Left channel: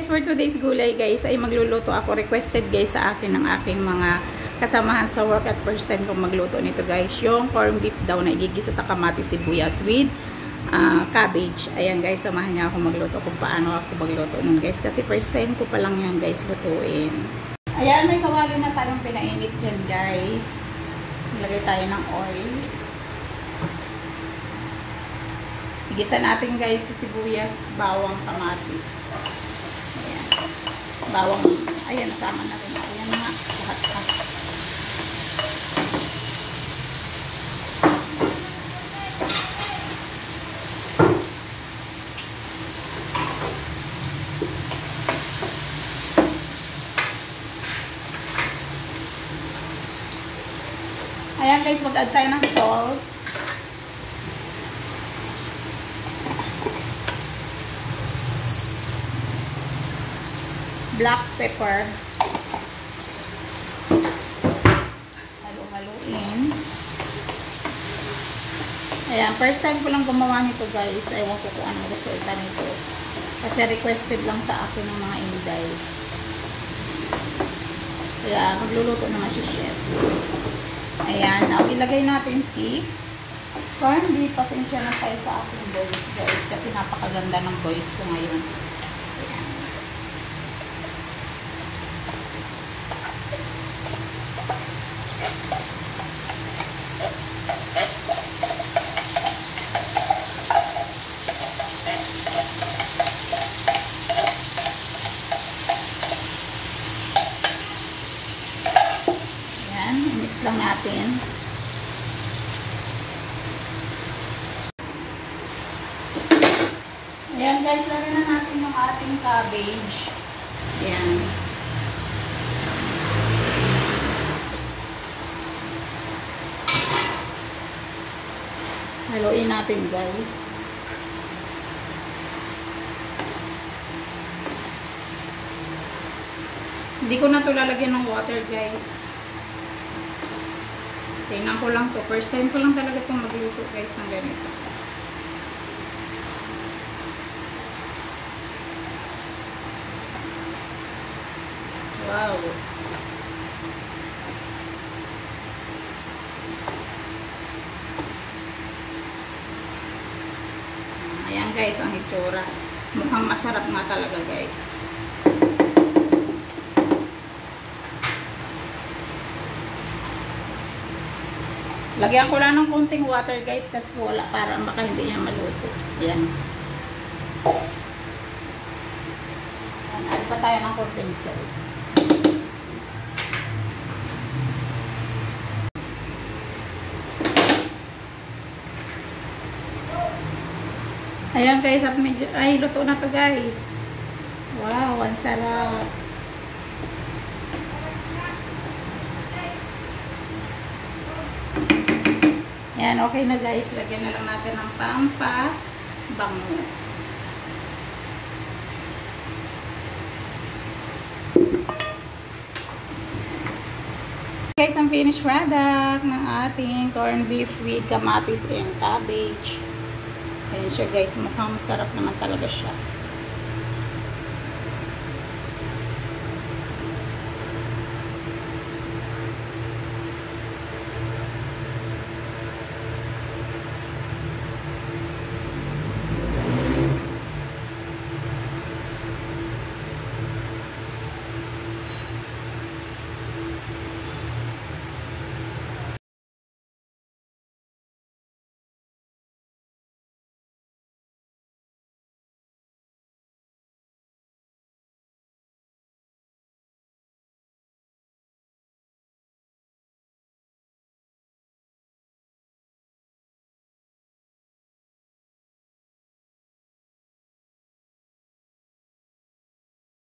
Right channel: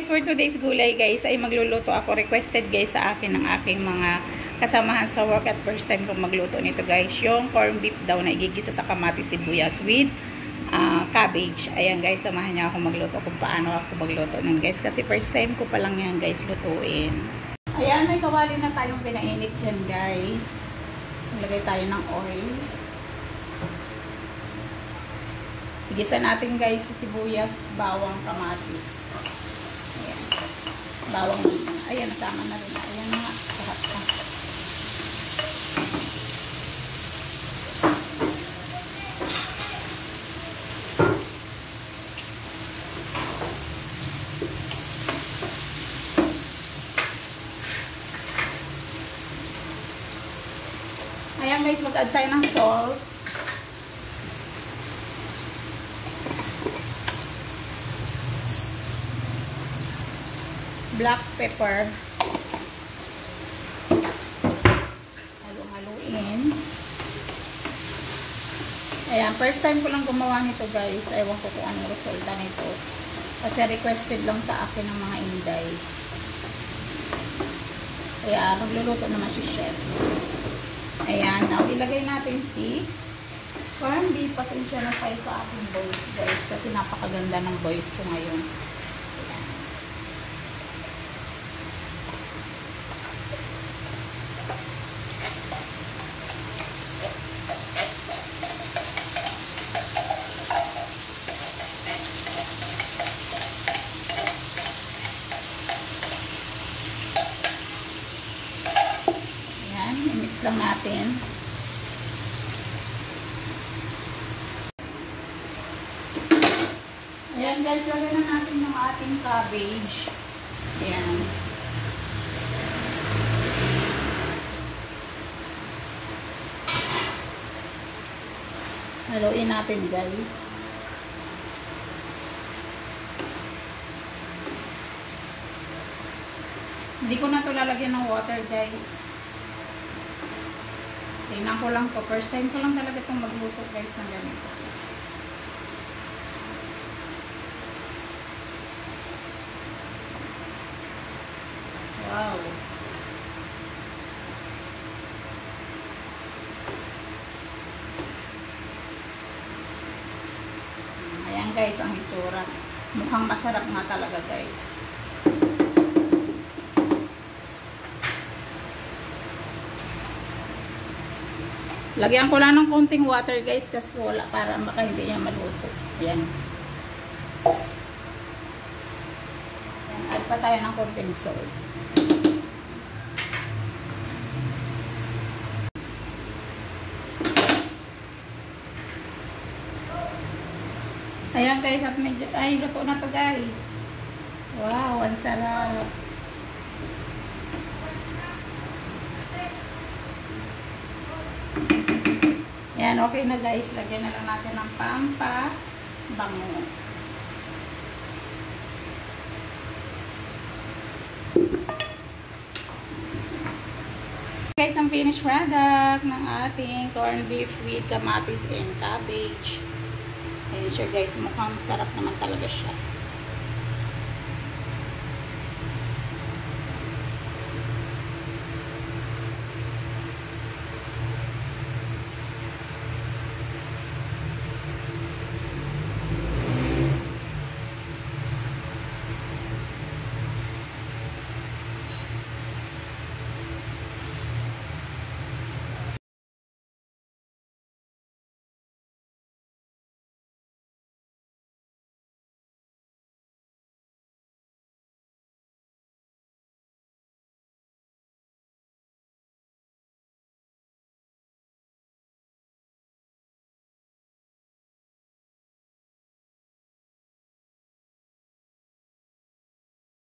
For today's gulay guys ay magluluto ako. Requested guys sa akin ng aking mga kasamahan sa work at first time kong magluto nito guys. Yung corn beef daw na igigisa sa kamatis sibuyas with cabbage. Ayan guys, samahan niya ako magluto kung paano ako magluto nun guys. Kasi first time ko pa lang yan guys lutuin. Ayan, may kawali na tayong pinainit dyan guys. Ilagay tayo ng oil. Igisa natin guys sa sibuyas, bawang, kamatis. Ayan. Bawang. Ayan, sama na rin. Ayan na. Lahat na. Ayan guys, mag-add tayo ng salt. Black pepper. Halo-haloin. Ayan, first time ko lang gumawa nito guys. Ewan ko kung anong resulta nito. Kasi requested lang sa akin ng mga inday. Kaya magluluto naman si chef. Ayan, now ilagay natin si corn beef. Pasensya na tayo sa aking voice guys. Kasi napakaganda ng voice ko ngayon. Lang natin. Ayan guys, lagyan na natin yung ating cabbage. Ayan. Haluin natin guys. Hindi ko na ito lalagyan ng water guys. Tingnan ko lang to. First time ko lang talaga itong magluto guys ng ganito. Wow! Ayan guys, ang itsura. Mukhang masarap nga talaga guys. Lagyan ko lang ng kunting water guys kasi wala para baka hindi niya maluto. Yan. Add pa tayo ng kunting salt. Ayan guys, at medyo, ay luto na to guys. Wow, ang sarap. Ayan, okay na guys. Lagyan na lang natin ng pampabango. Guys, ang finished product ng ating corned beef with kamatis and cabbage. Ayan siya guys. Mukhang masarap naman talaga siya.